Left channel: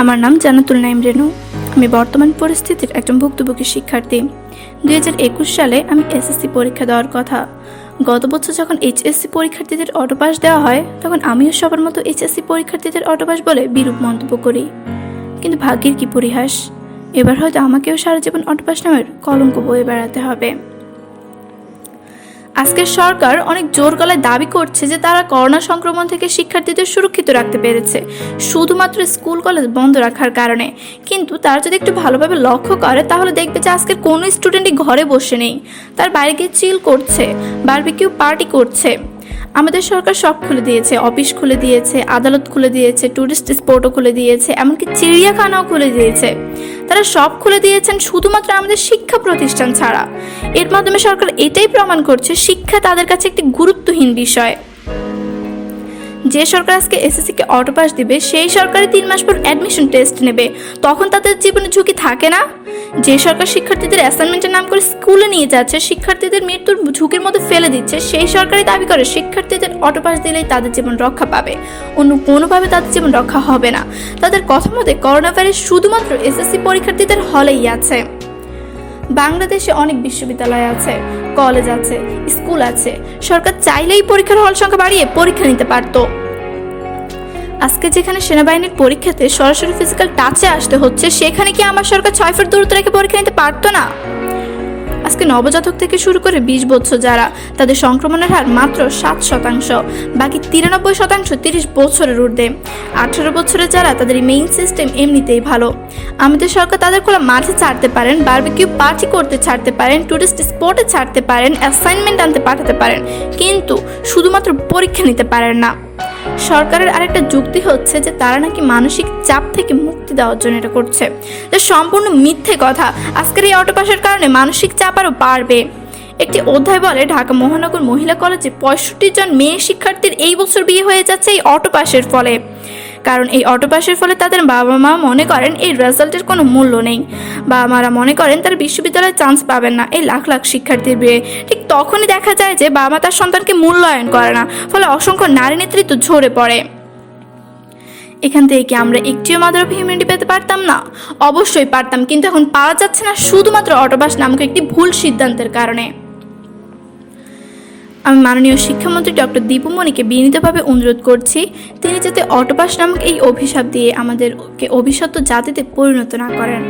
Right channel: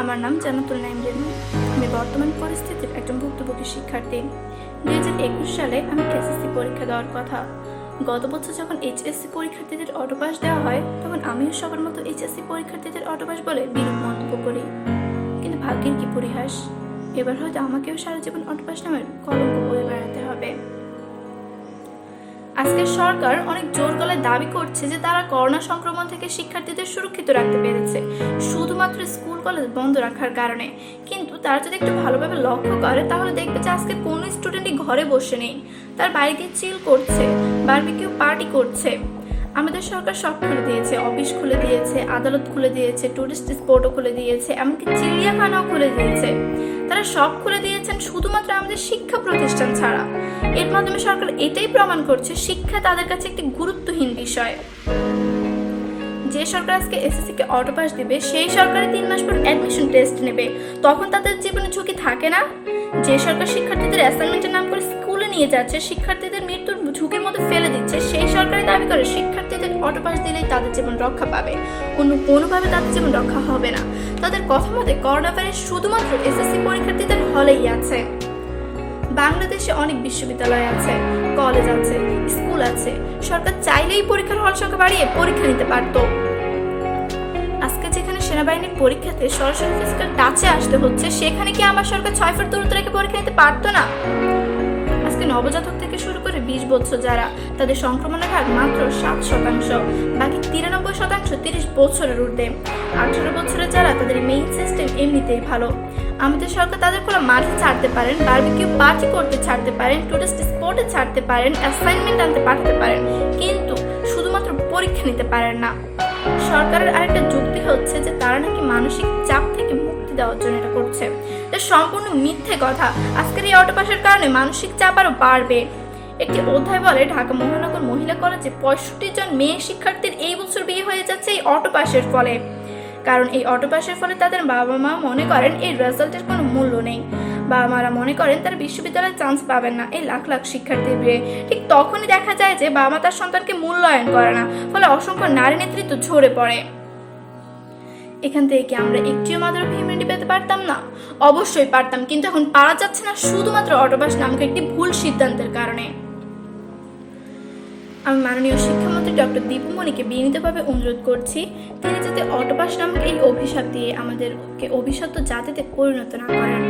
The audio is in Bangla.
আমার নাম জান্নাতুল নাইম রেনু। আমি বর্তমান পরিস্থিতির একজন ভুক্তভোগী শিক্ষার্থী। 2021 সালে আমি এসএসসি পরীক্ষা দেওয়ার কথা। গত বছর যখন এইচএসসি পরীক্ষার্থীদের অটোপাস দেওয়া হয়, তখন আমিও সবার মতো এইচএসসি পরীক্ষার্থীদের অটোপাস বলে বিরূপ মন্তব্য করি। কিন্তু ভাগ্যের কি পরিহাস, এবার হয়তো আমাকেও সারা জীবন অটোপাস নামের কলঙ্ক বয়ে বেড়াতে হবে। আজকের সরকার অনেক জোর গলায় দাবি করছে যে তারা করোনা সংক্রমণ থেকে শিক্ষার্থীদের সুরক্ষিত রাখতে পেরেছে শুধুমাত্র স্কুল কলেজ বন্ধ রাখার কারণে। কিন্তু তারা যদি একটু ভালোভাবে লক্ষ্য করে তাহলে দেখবে যে আজকের কোনো স্টুডেন্টই ঘরে বসে নেই, তার বাইরে গিয়ে চিল করছে, বারবিকিউ পার্টি করছে। আমাদের সরকার সব খুলে দিয়েছে, অফিস খুলে দিয়েছে, আদালত খুলে দিয়েছে, টুরিস্ট স্পটও খুলে দিয়েছে, এমনকি চিড়িয়াখানাও খুলে দিয়েছে। তারা সব খুলে দিয়েছেন শুধুমাত্র আমাদের শিক্ষা প্রতিষ্ঠান ছাড়া। এর মাধ্যমে সরকার এটাই প্রমাণ করছে শিক্ষা তাদের কাছে একটি গুরুত্বহীন বিষয়। যে সরকার আজকে এসএসসিকে অটোপাস দিবে, সেই সরকারই 3 মাস পর অ্যাডমিশন টেস্ট নেবে, তখন তাদের জীবনে ঝুঁকি থাকে না? যে সরকার শিক্ষার্থীদের অ্যাসাইনমেন্টের নাম করে স্কুলে নিয়ে যাচ্ছে, শিক্ষার্থীদের মৃত্যুর ঝুঁকির মধ্যে ফেলে দিচ্ছে, সেই সরকারই দাবি করে শিক্ষার্থীদের অটোপাস দিলেই তাদের জীবন রক্ষা পাবে, অন্য কোনোভাবে তাদের জীবন রক্ষা হবে না। তাদের কথা মতে করোনা ভাইরাস শুধুমাত্র এসএসসি পরীক্ষার্থীদের হলেই আছে। বাংলাদেশে অনেক বিশ্ববিদ্যালয় আছে, কলেজ আছে, স্কুল আছে। সরকার চাইলেই পরীক্ষার হল সংখ্যা বাড়িয়ে পরীক্ষা নিতে পারত। আজকে যেখানে সেনাবাহিনীর পরীক্ষাতে সরাসরি ফিজিক্যাল টাচে আসতে হচ্ছে, সেখানে কি আমার সরকার 6 ফুট দূরত্ব রেখে পরীক্ষা নিতে পারতো না? আজকে নবজাতক থেকে শুরু করে 20 বছর যারা, তাদের সংক্রমণের হার মাত্র 7%, বাকি 93% 30 বছরের ঊর্ধ্বে। 18 বছরের যারা, তাদের ইমিউন সিস্টেম এমনিতেই ভালো। আমাদের সরকার তাদের খোলা মাঠে ছাড়তে পারেন, বারবিকিউ পার্টি করতে ছাড়তে পারেন, টুরিস্ট স্পটে ছাড়তে পারেন, অ্যাসাইনমেন্ট আনতে পাঠাতে পারেন, কিন্তু শুধুমাত্র পরীক্ষা নিতে পারেন না। সরকারের আরেকটা যুক্তি হচ্ছে যে তারা নাকি মানসিক চাপ থেকে মুক্তি দেওয়ার জন্য এটা করছে, যা সম্পূর্ণ মিথ্যে কথা। আজকের এই অটোপাসের কারণে মানসিক চাপ আরও বাড়বে। একটি অধ্যায় বলে ঢাকা মহানগর মহিলা কলেজে 65 জন মেয়ে শিক্ষার্থীর এই বছর বিয়ে হয়ে যাচ্ছে এই অটোপাসের ফলে। কারণ এই অটোপাসের ফলে তাদের বাবা মা মনে করেন এই রেজাল্টের কোনো মূল্য নেই। বাবা মারা মনে করেন তারা বিশ্ববিদ্যালয়ে চান্স পাবেন না এই লাখ লাখ শিক্ষার্থীর বিয়ে। ঠিক তখনই দেখা যায় যে বাবা মা তার সন্তানকে মূল্যায়ন করে না, ফলে অসংখ্য নারী নেতৃত্ব ঝরে পড়ে। এখান থেকে কি আমরা একটিও মাদার অফ হিউম্যানিটি পেতে পারতাম না? অবশ্যই পারতাম, কিন্তু এখন পাওয়া যাচ্ছে না শুধুমাত্র অটোপাস নামক একটি ভুল সিদ্ধান্তের কারণে। আমি মাননীয় শিক্ষামন্ত্রী ডক্টর দীপুমণিকে বিনীতভাবে অনুরোধ করছি, তিনি যাতে অটোপাস নামক এই অভিশাপ দিয়ে আমাদেরকে অভিশপ্ত জাতিতে পরিণত না করেন।